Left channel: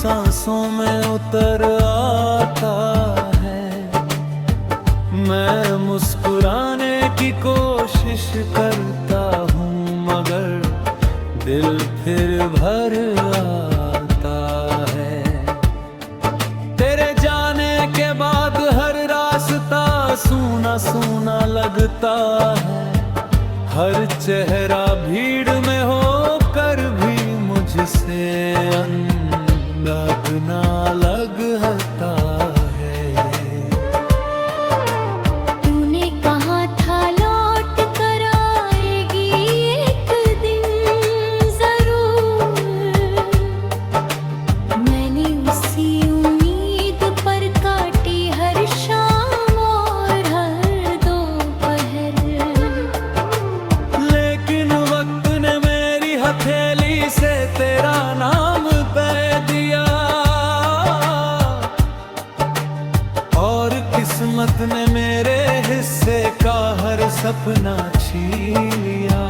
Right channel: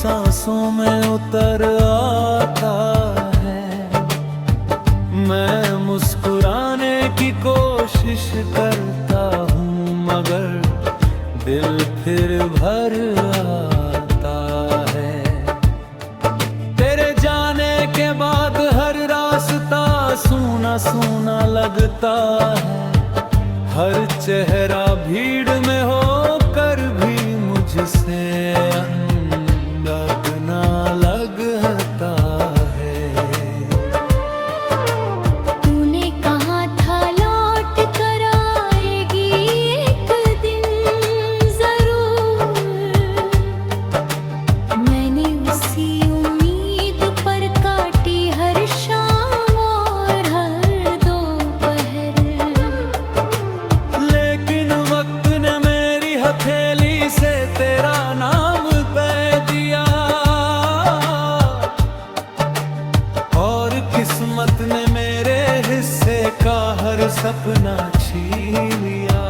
सांसों में उतर आता है। मैं मुस्कुराने की कोशिश करता हूँ मगर दिल फिर भर आता है। तेरे जाने के बाद हर रास्ता सूना सूना लगता है। हर चेहरा भीड़ में होकर भी मुझसे अंदाज ना लगता है। तूने कहा था लौट कर आएगी एक दिन जरूर। मैंने उसी उम्मीद पर काटी हर शाम और हर दोपहर। लेकिन वक्त ने मेरी हथेली से तेरा नाम कह दिया और किस्मत ने मेरे हिस्से का हर सपना छीन लिया।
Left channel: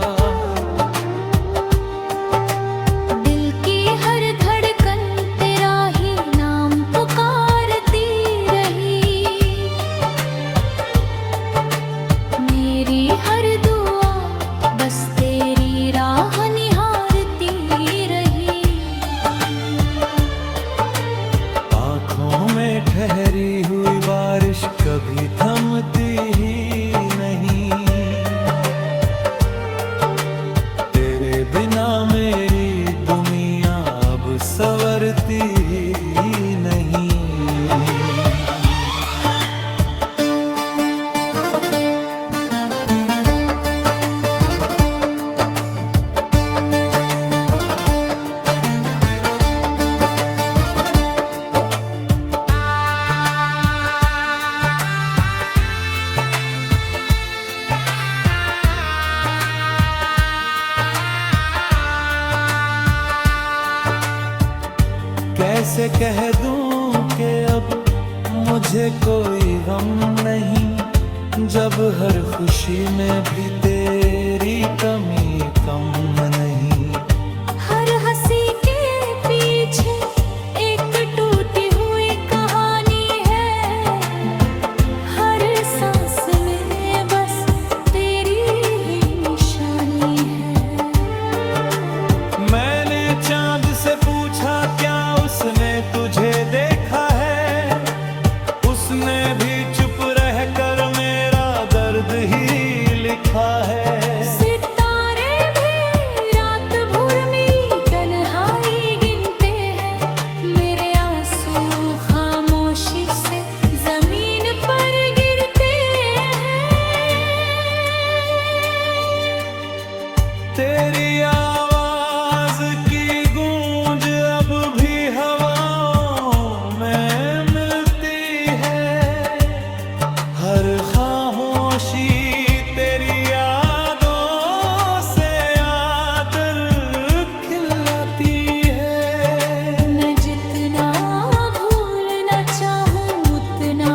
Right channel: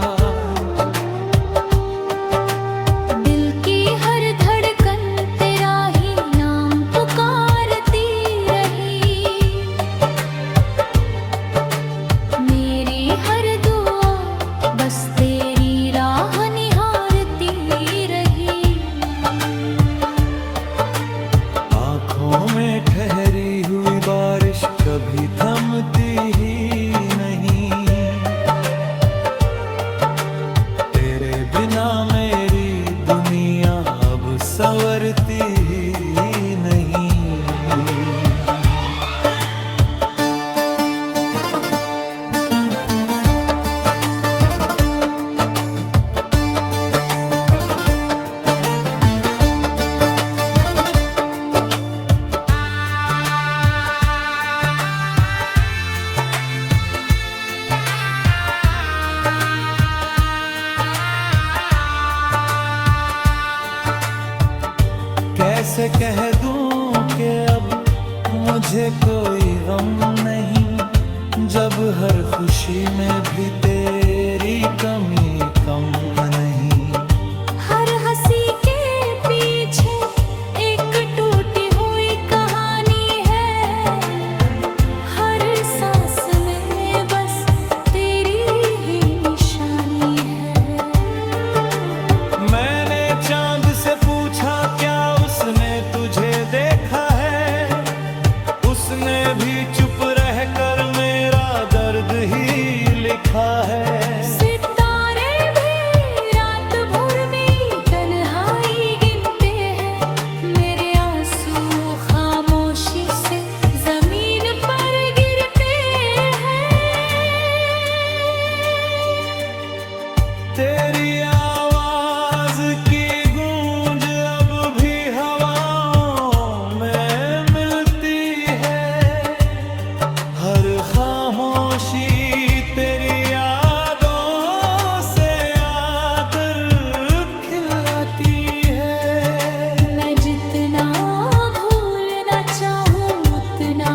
दिल की हर धड़कन तेरा ही नाम पुकारती रही। मेरी हर दुआ बस तेरी राह निहारती रही। आँखों में ठहरी हुई बारिश कभी थमती ही नहीं। तेरे बिना मेरी दुनिया अब संवरती ही नहीं। कैसे कह दूं कि अब मुझे कोई गम नहीं, जब हर खुशी में भी तेरी कमी कम नहीं। हर हंसी के पीछे एक टूटी हुई कहानी है। हर सांस में बस तेरी ही निशानी है। मैंने चांद से पूछा क्या उसने तुझे देखा है। उसने भी चुप रहकर मेरा दर्द ही लिखा है। सितारे भी रात भर में तन्हाई गिनते हैं। मेरे आंसू खामोशी से जमीन पर गिरते हैं। तेरी आवाज की गूंज अब भी हवाओं में मिलती है। हर खामोशी तेरी यादों से आकर खिलाती है। मैं जितना भूलना चाहूँ उतना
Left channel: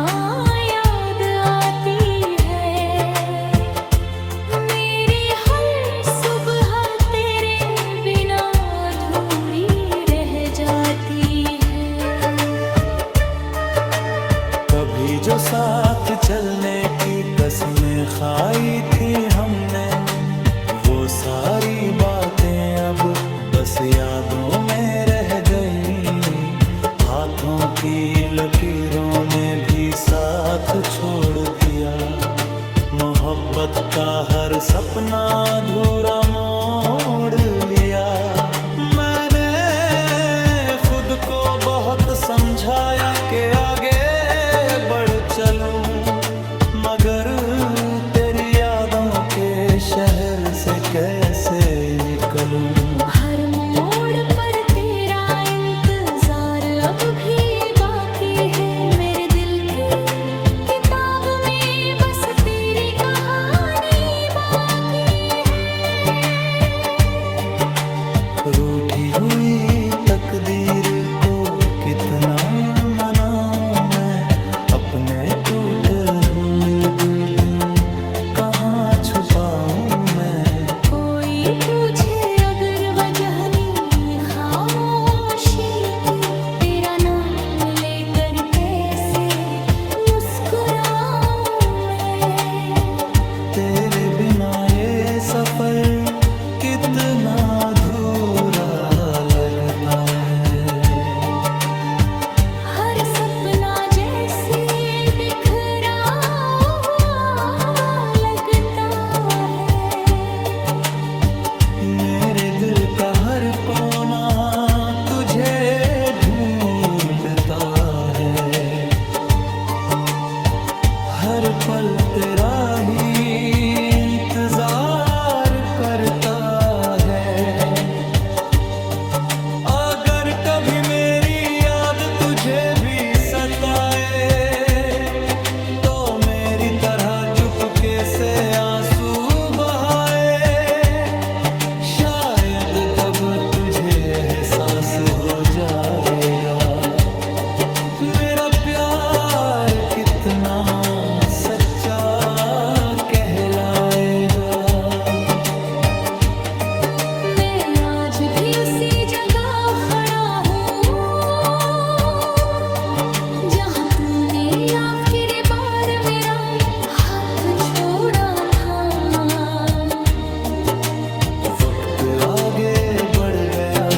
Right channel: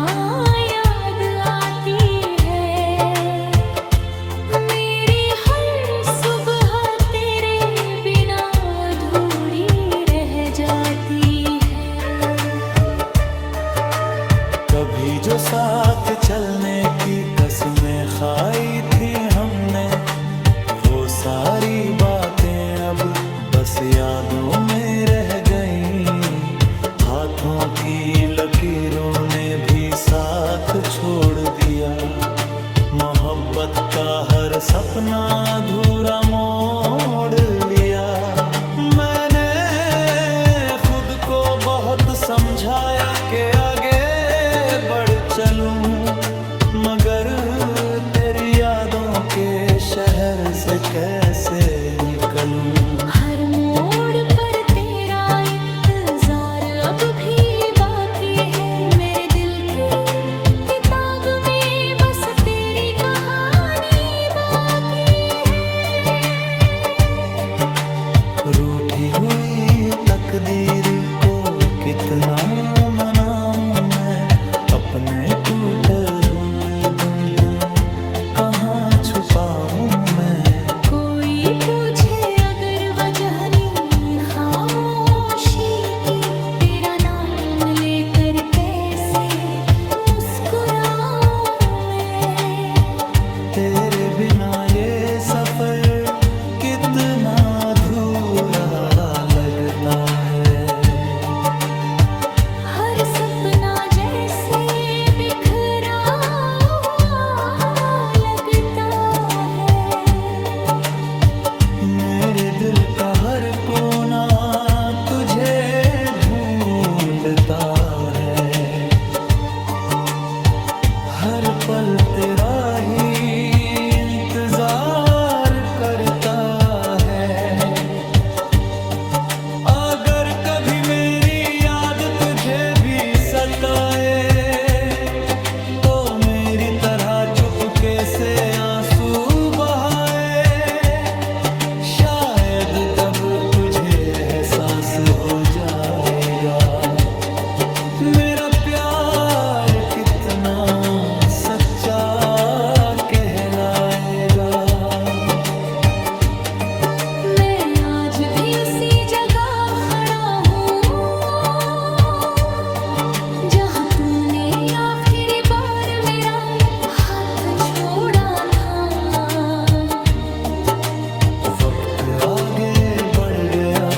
याद आती है। मेरी हर सुबह तेरे बिना अधूरी रह जाती है। कभी जो साथ चलने की कसमें खाई थी हमने, वो सारी बातें अब बस यादों में रह गई। हाथों की लकीरों ने भी साथ छोड़ दिया। मोहब्बत का हर सपना अधूरा मोड़ लिया। मैंने खुद को बहुत समझाया कि आगे बढ़ चलूं, मगर तेरी यादों के शहर से कैसे निकलूं। हर मोड़ पर तेरा इंतजार अब भी बाकी है। मेरे दिल की किताब में बस तेरी कहानी बाकी है। रूठी हुई तकदीर को कितना मनाऊं मैं, अपने टूटे हुए दिल कहाँ छुपाऊं मैं। कोई पूछे अगर वजह नहीं खामोशी की ढूंढता है, हर पल तेरा ही इंतजार करता है। अगर कभी मेरी याद तुझे भी सताए तो मेरी तरह चुपके से आंसू बहाए, शायद तब तुझे एहसास हो जाएगा मेरा प्यार कितना सच्चा कहलाएगा। मैं आज भी उसी जगह खड़ा हूँ जहाँ तूने आखिरी बार मेरा हाथ छोड़ा था। वक्त आगे बढ़ गया,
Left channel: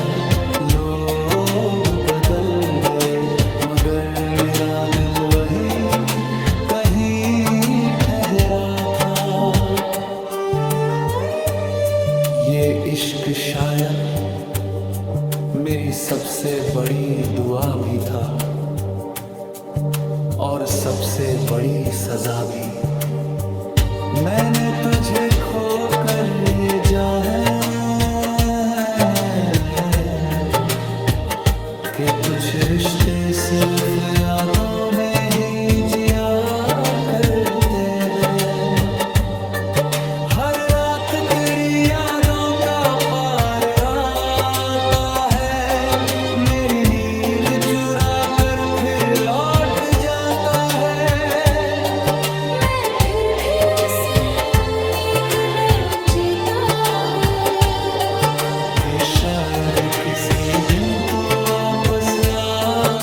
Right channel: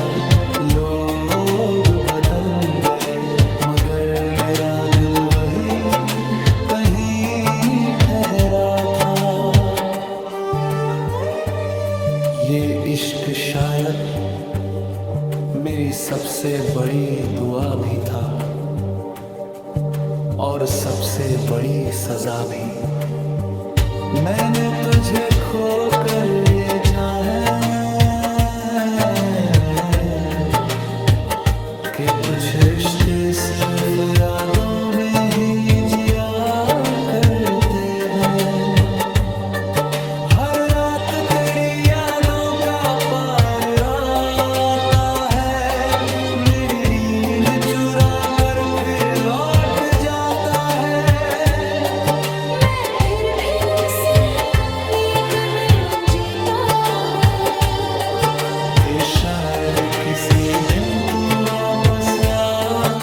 लोग बदल गए, मगर मेरा दिल वही कहीं ठहरा था। ये इश्क शायद मेरी सबसे बड़ी दुआ भी था और सबसे बड़ी सजा भी। मैंने तुझे खोकर ये जाना कि कुछ रिश्ते सिर्फ यादों में ही जिया करते हैं। हर रात तेरी यादों का पार आता है, मेरी नींद चुरा कर फिर लौट जाता है। मैं फिर भी उसी उम्मीद में जीता हूँ कि शायद किसी दिन तू वापस आ।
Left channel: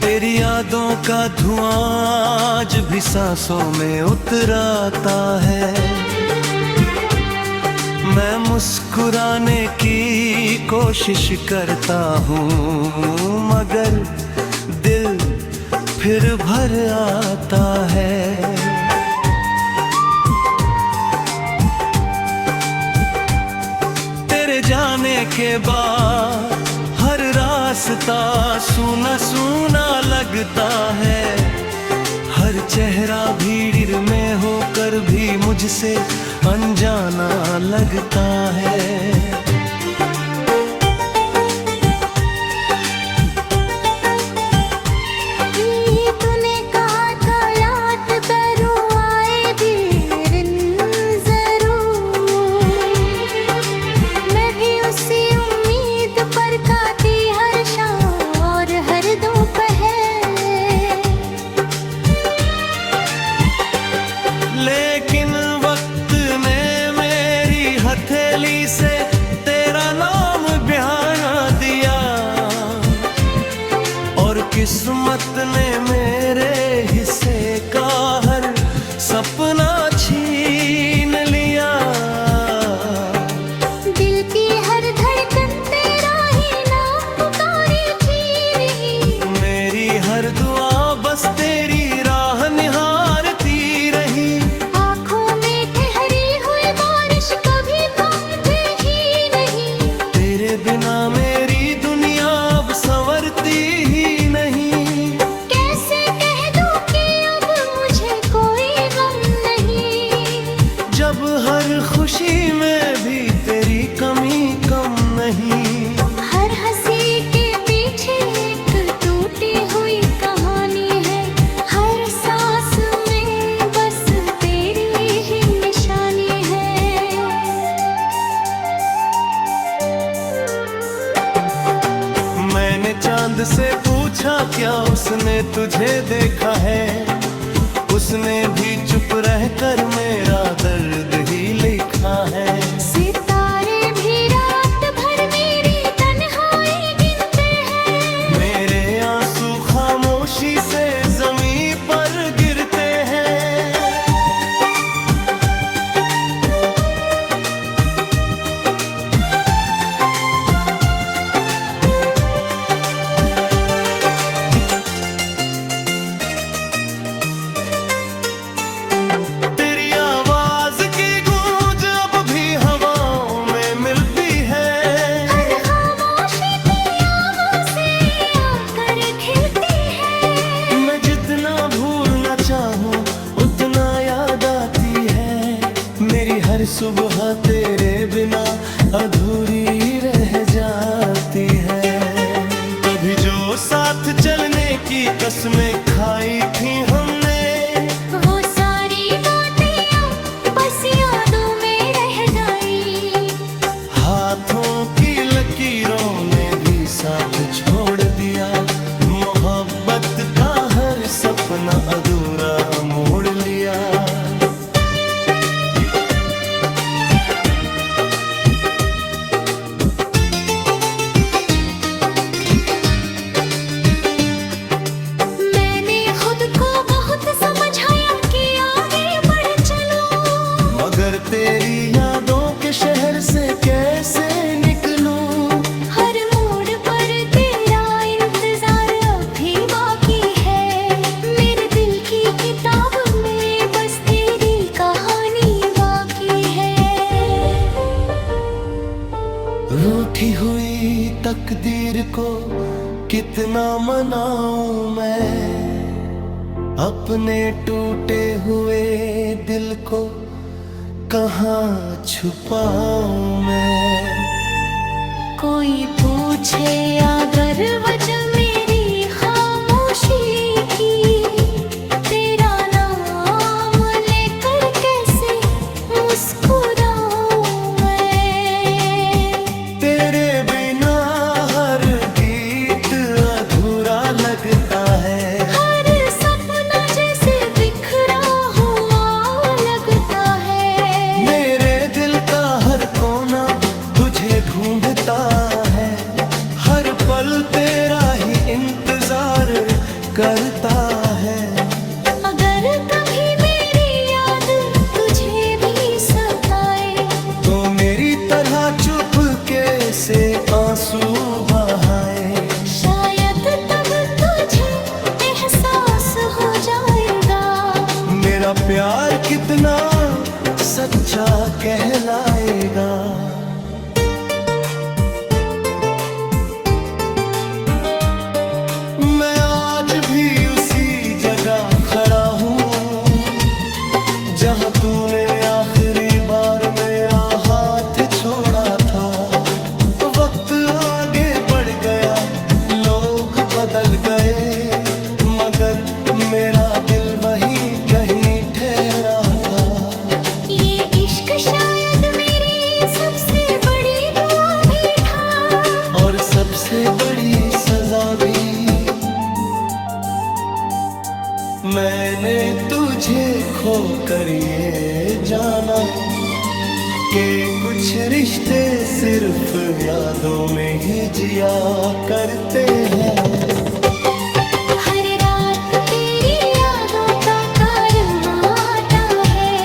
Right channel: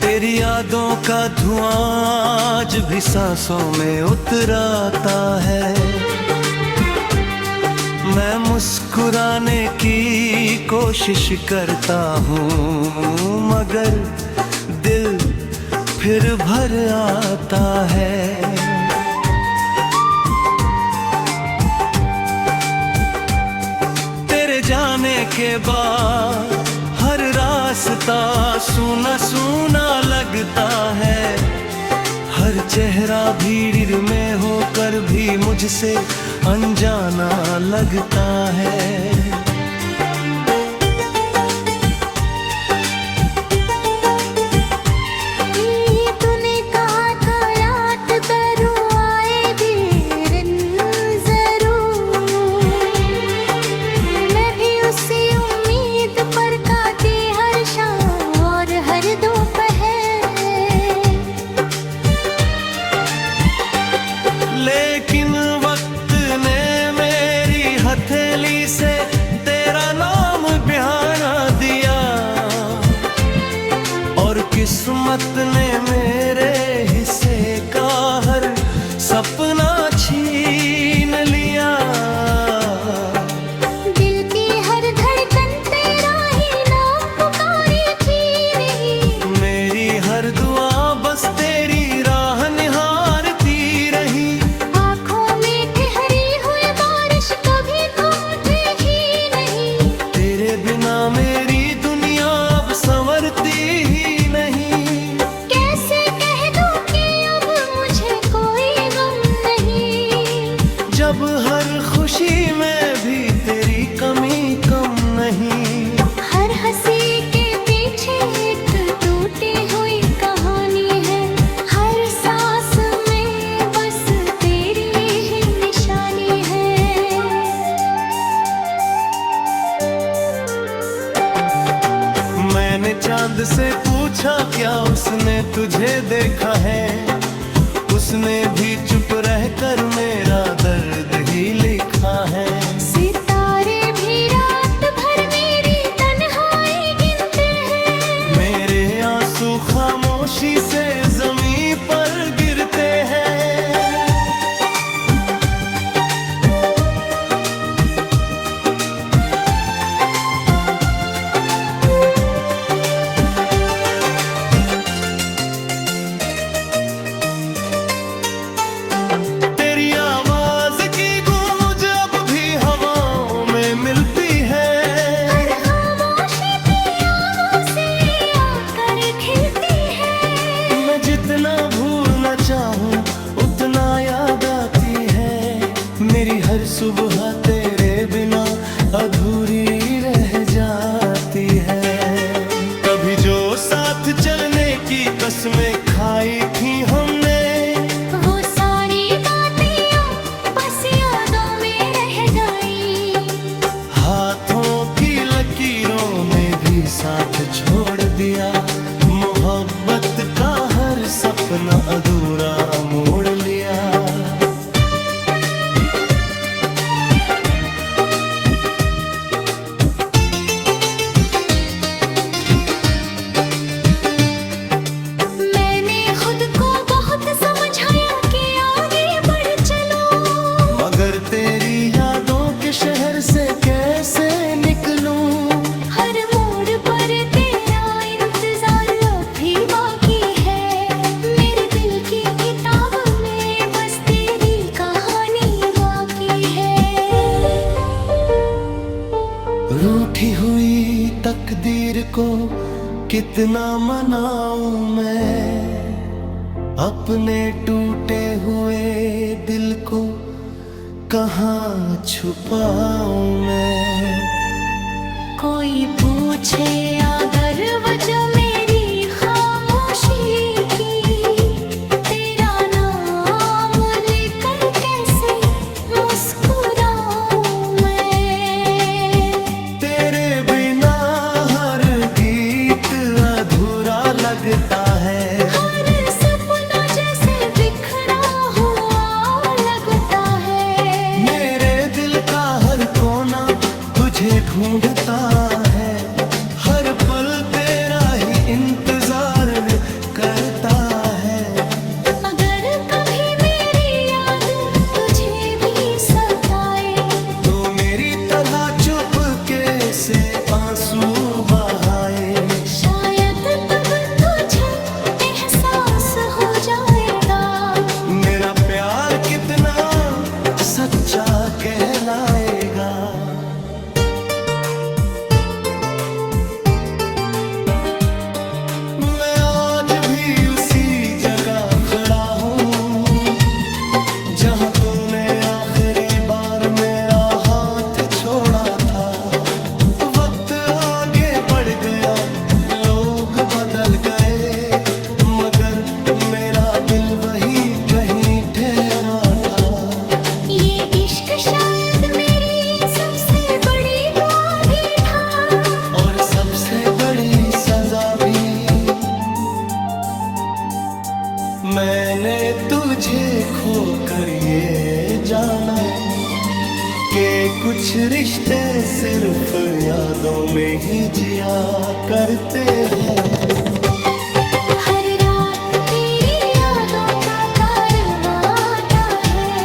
तेरी यादों का धुआं आज भी सांसों में उतराता है। मैं मुस्कुराने की कोशिश करता हूँ मगर दिल फिर भर आता है। तेरे जाने के बाद हर रास्ता सूना सूना लगता है, हर चेहरा भीड़ में होकर भी मुझसे अनजाना लगता है। लेकिन वक्त ने मेरी हथेली से तेरा नाम बयाना दिया और किस्मत ने मेरे हिस्से का हर सपना छीन लिया। दिल की हर धड़कन तेरा ही नाम पुकारे थी नहीं, मेरी हर दुआ बस तेरी राह निहारती रही। बिना मेरी दुनिया अब संवरती ही नहीं। कैसे कह दूं कि अब मुझे कोई गम नहीं, जब हर खुशी में भी तेरी कमी कम नहीं। हर हंसी के पीछे एक टूटी हुई कहानी है, हर सांस में बस तेरी ही निशानी है। मैंने चांद से पूछा क्या उसने तुझे देखा है, उसने भी चुप रहकर मेरा दर्द ही लिखा है। सितारे भी रात भर मेरी तन्हाई गिनते हैं, मेरे आंसू खामोशी से जमीन पर गिरते हैं। तेरी आवाज की गूंज अब भी हवाओं में मिलती है। हर खामोशी पियानों से आकर खिलती है। मैं जितना भूलना चाहूँ उतना याद आती है। मेरी हर सुबह तेरे बिना अधूरी रह जाती है। कभी जो साथ चलने की कसमें खाई थी हमने, वो सारी बातें बस यादों में रह गई। हाथों की लकीरों ने भी साथ छोड़ दिया। मोहब्बत का हर सपना अधूरा मोड़ लिया। मैंने खुद को बहुत समझाया कि आगे बढ़ चलो, मगर तेरी यादों के शहर से कैसे निकलूं। हर मोड़ पर तेरा इंतजार अभी बाकी है। मेरे दिल की किताब में बस तेरी कहानी बाकी है। रूठी हुई तकदीर को कितना मनाऊं मैं, अपने टूटे हुए दिल को कहाँ छुपाऊं मैं। कोई पूछे अगर वजह मेरी खामोशी की, तेरा नाम लेकर कैसे मुस्कुराऊं मैं। तेरे बिना हर गीत अधूरा लगता है। हर सपना जैसे बिखरा हुआ लगता है। मेरे दिल का हर कोना तुझे ढूंढता है। हर पल तेरा ही इंतजार करता है। अगर कभी मेरी याद तुझे भी सताए, तो मेरी तरह चुपके से आंसू बहाए। शायद तब तुझे एहसास हो जाएगा मेरा प्यार कितना सच्चा कहलाएगा। मैं आज भी उसी जगह खड़ा हूँ जहाँ तूने आखिरी बार मेरा हाथ छोड़ा था। वक्त आगे बढ़ गया, लोग बदल गए, मगर मेरा दिल वहीं कहीं ठहरा था। ये इश्क शायद मेरी सबसे बड़ी दुआ भी था, और सबसे बड़ी सजा भी। मैंने तुझे खोकर ये जाना कि कुछ रिश्ते सिर्फ यादों में ही जिया करते हैं। हर रात तेरी यादों का कारवां आता है।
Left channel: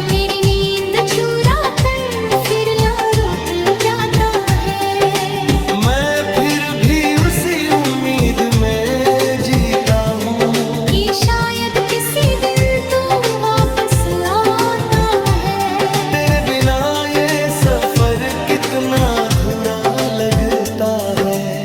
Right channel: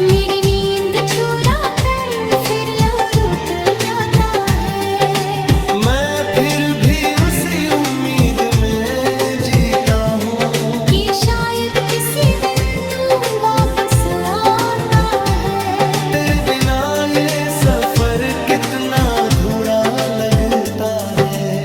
मेरी नींद चुरा कर फिर लौट जाता है। मैं फिर भी उसी उम्मीद में जीता हूँ कि शायद किसी दिन तू वापस आता है। तेरे बिना ये सफर कितना अधूरा लगता है।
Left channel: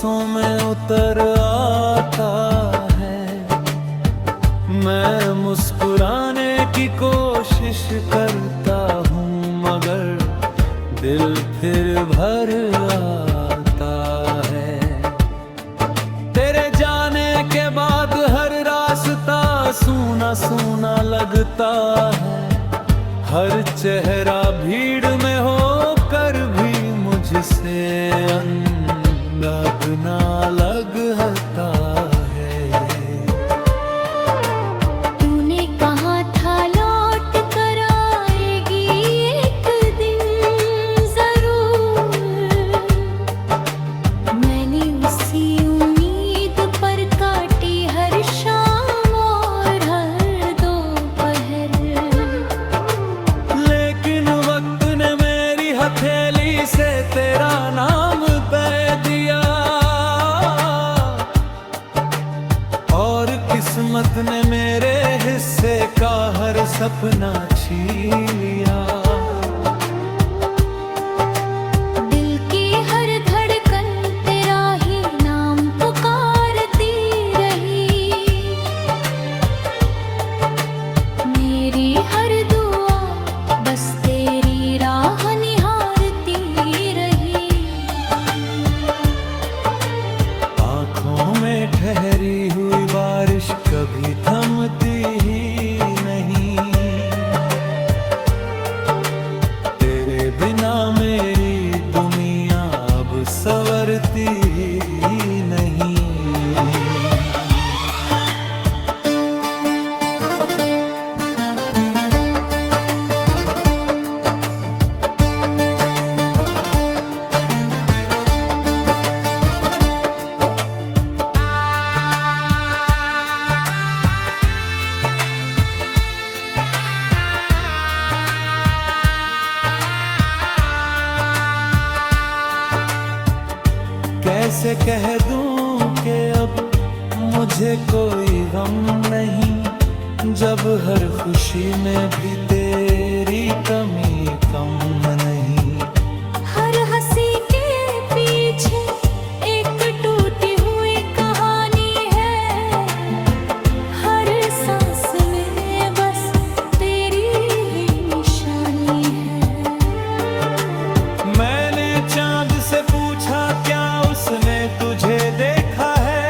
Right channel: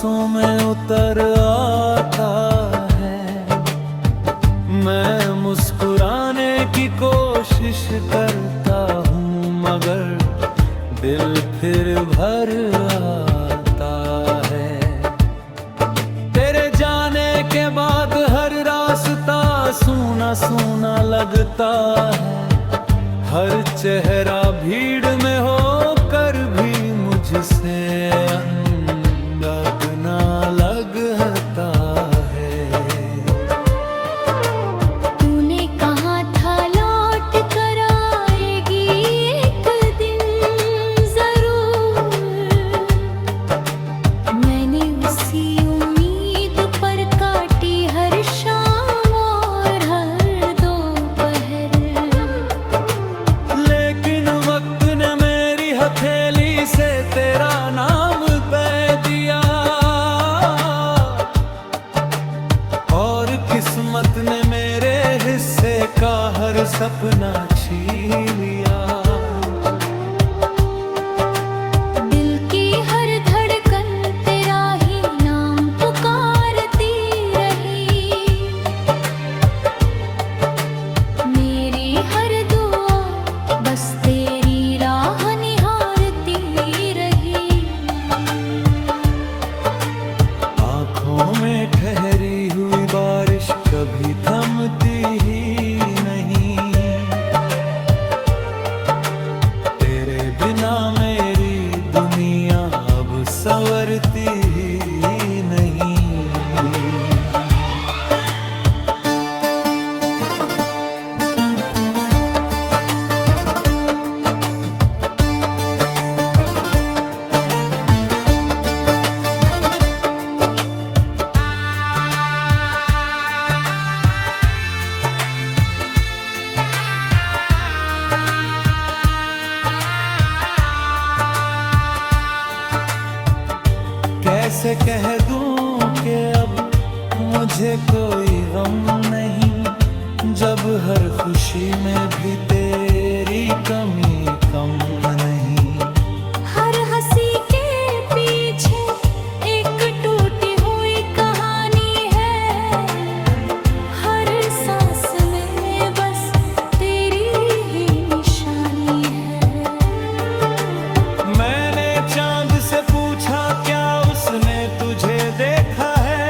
सांसों में उतर आता है। मैं मुस्कुराने की कोशिश करता हूँ मगर दिल फिर भर आता है। तेरे जाने के बाद हर रास्ता सूना सूना लगता है। हर चेहरा भीड़ में होकर भी मुझसे अलग ना लगता है। तूने कहा था लौट कर आएगी एक दिन जरूर। मैंने उसी उम्मीद पर काटी हर शाम और हर दोपहर। लेकिन वक्त ने मेरी हथेली से तेरा नाम कह दिया और किस्मत ने मेरे हिस्से का हर सपना छीन लिया। दिल की हर धड़कन तेरा ही नाम पुकारती रही। मेरी हर दुआ बस तेरी राह निहारती रही। आँखों में ठहरी हुई बारिश कभी थमती ही नहीं। तेरे बिना मेरी दुनिया अब संवरती ही नहीं। कैसे कह दूं कि अब मुझे कोई गम नहीं, जब हर खुशी में भी तेरी कमी कम नहीं। हर हंसी के पीछे एक टूटी हुई कहानी है। हर सांस में बस तेरी ही निशानी है। मैंने चांद से पूछा क्या उसने तुझे देखा है।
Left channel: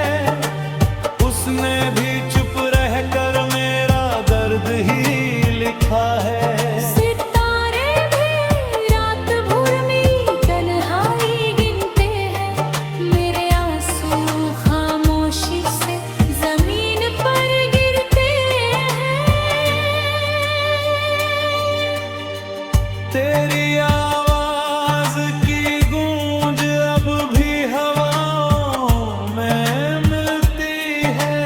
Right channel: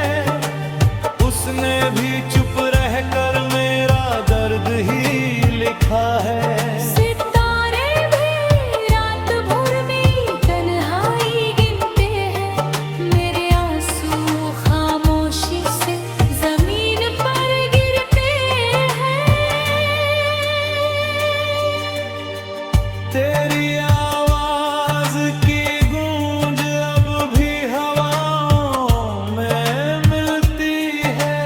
उसने भी चुप रहकर मेरा दर्द ही लिखा है। सितारे भी रात भर में तन्हाई गिनते हैं। मेरे आंसू खामोशी से जमीन पर गिरते हैं। तेरी आवाज की गूंज अब भी हवाओं में मिलती है।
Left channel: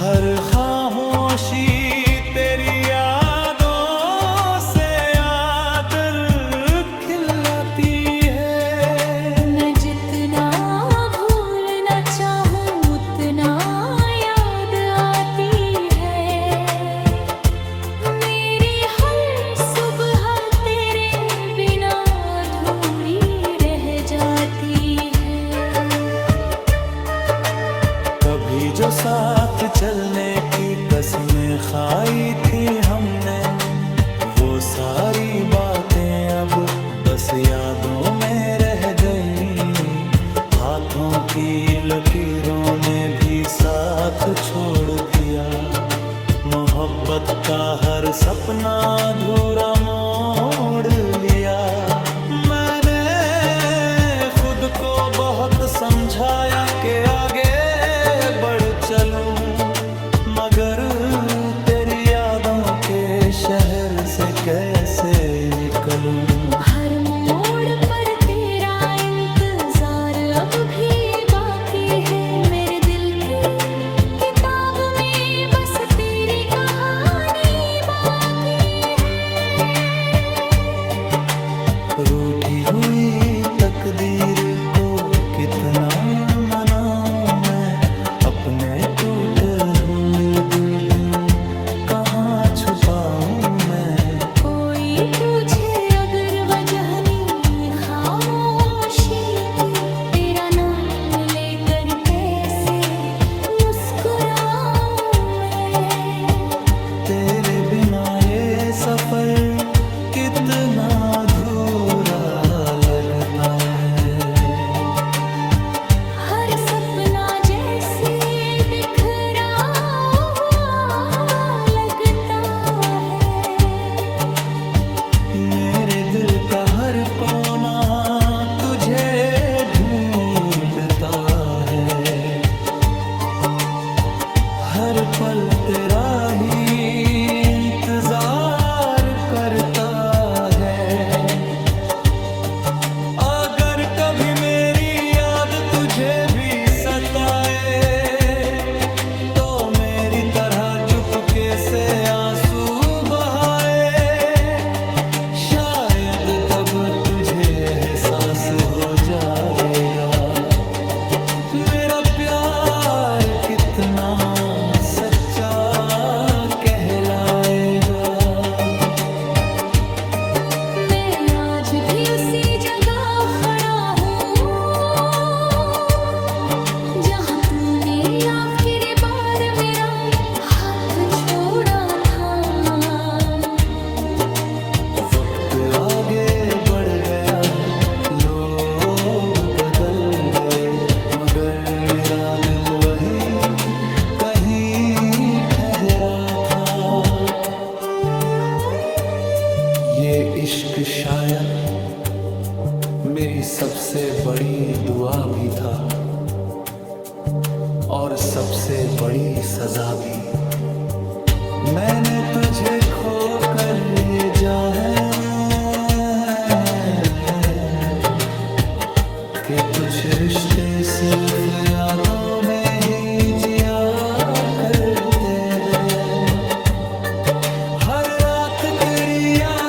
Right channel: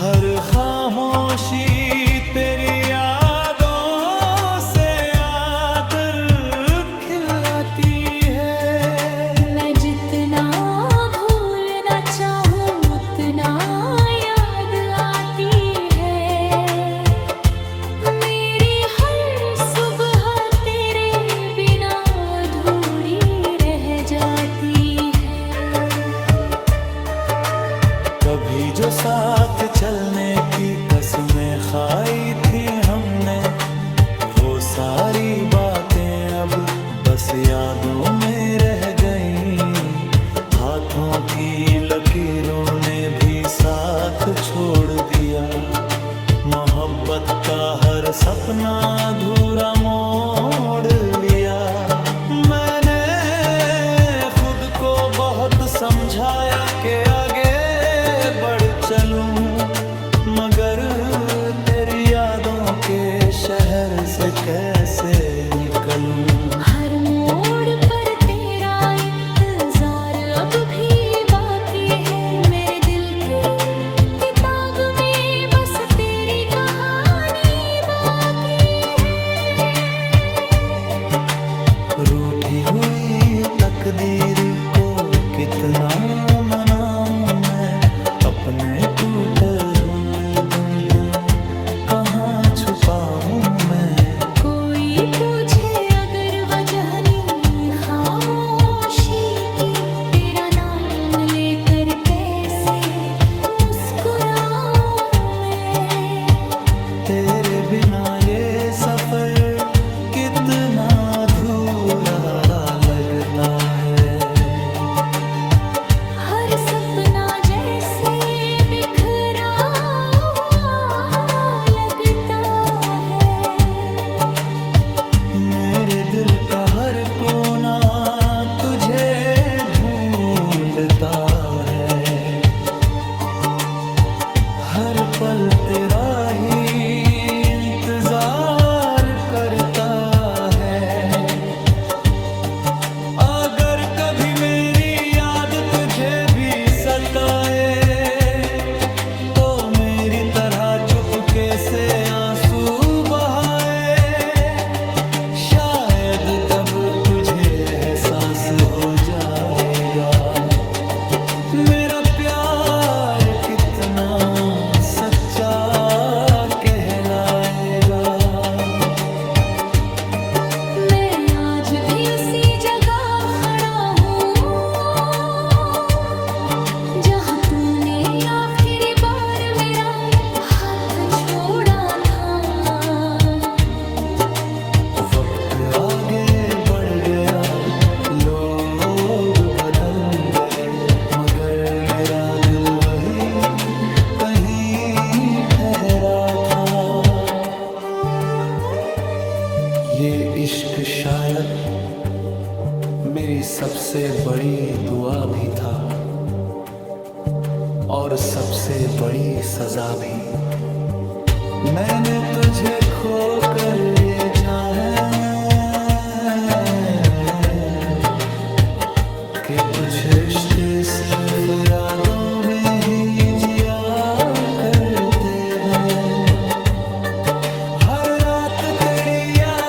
हर खामोशी तेरी यादों से आकर खिलाती है। मैं जितना भूलना चाहूँ उतना याद आती है। मेरी हर सुबह तेरे बिना अधूरी रह जाती है। कभी जो साथ चलने की कसमें खाई थी हमने, वो सारी बातें अब बस यादों में रह गई। हाथों की लकीरों ने भी साथ छोड़ दिया। मोहब्बत का हर सपना अधूरा मोड़ लिया। मैंने खुद को बहुत समझाया कि आगे बढ़ चलूं, मगर तेरी यादों के शहर से कैसे निकलूं। हर मोड़ पर तेरा इंतजार अब भी बाकी है। मेरे दिल की किताब में बस तेरी कहानी बाकी है। रूठी हुई तकदीर को कितना मनाऊं मैं। अपने टूटे हुए दिल कहाँ छुपाऊं मैं। कोई पूछे अगर वजह नहीं पल तेरा ही इंतजार करता है। अगर कभी मेरी याद तुझे भी सताए तो मेरी तरह चुपके से आंसू बहाए। शायद तब तुझे एहसास हो जाएगा मेरा प्यार कितना सच्चा कहलाएगा। मैं आज भी उसी जगह खड़ा हूँ जहाँ तूने आखिरी बार मेरा हाथ छोड़ा था। वक्त आगे बढ़ गया, लोग बदल गए, मगर मेरा दिल वही कहीं ठहरा था। ये इश्क शायद मेरी सबसे बड़ी दुआ भी था और सबसे बड़ी सजा भी। मैंने तुझे खोकर ये जाना कि कुछ रिश्ते सिर्फ यादों में ही जिया करते हैं। हर रात तेरी याद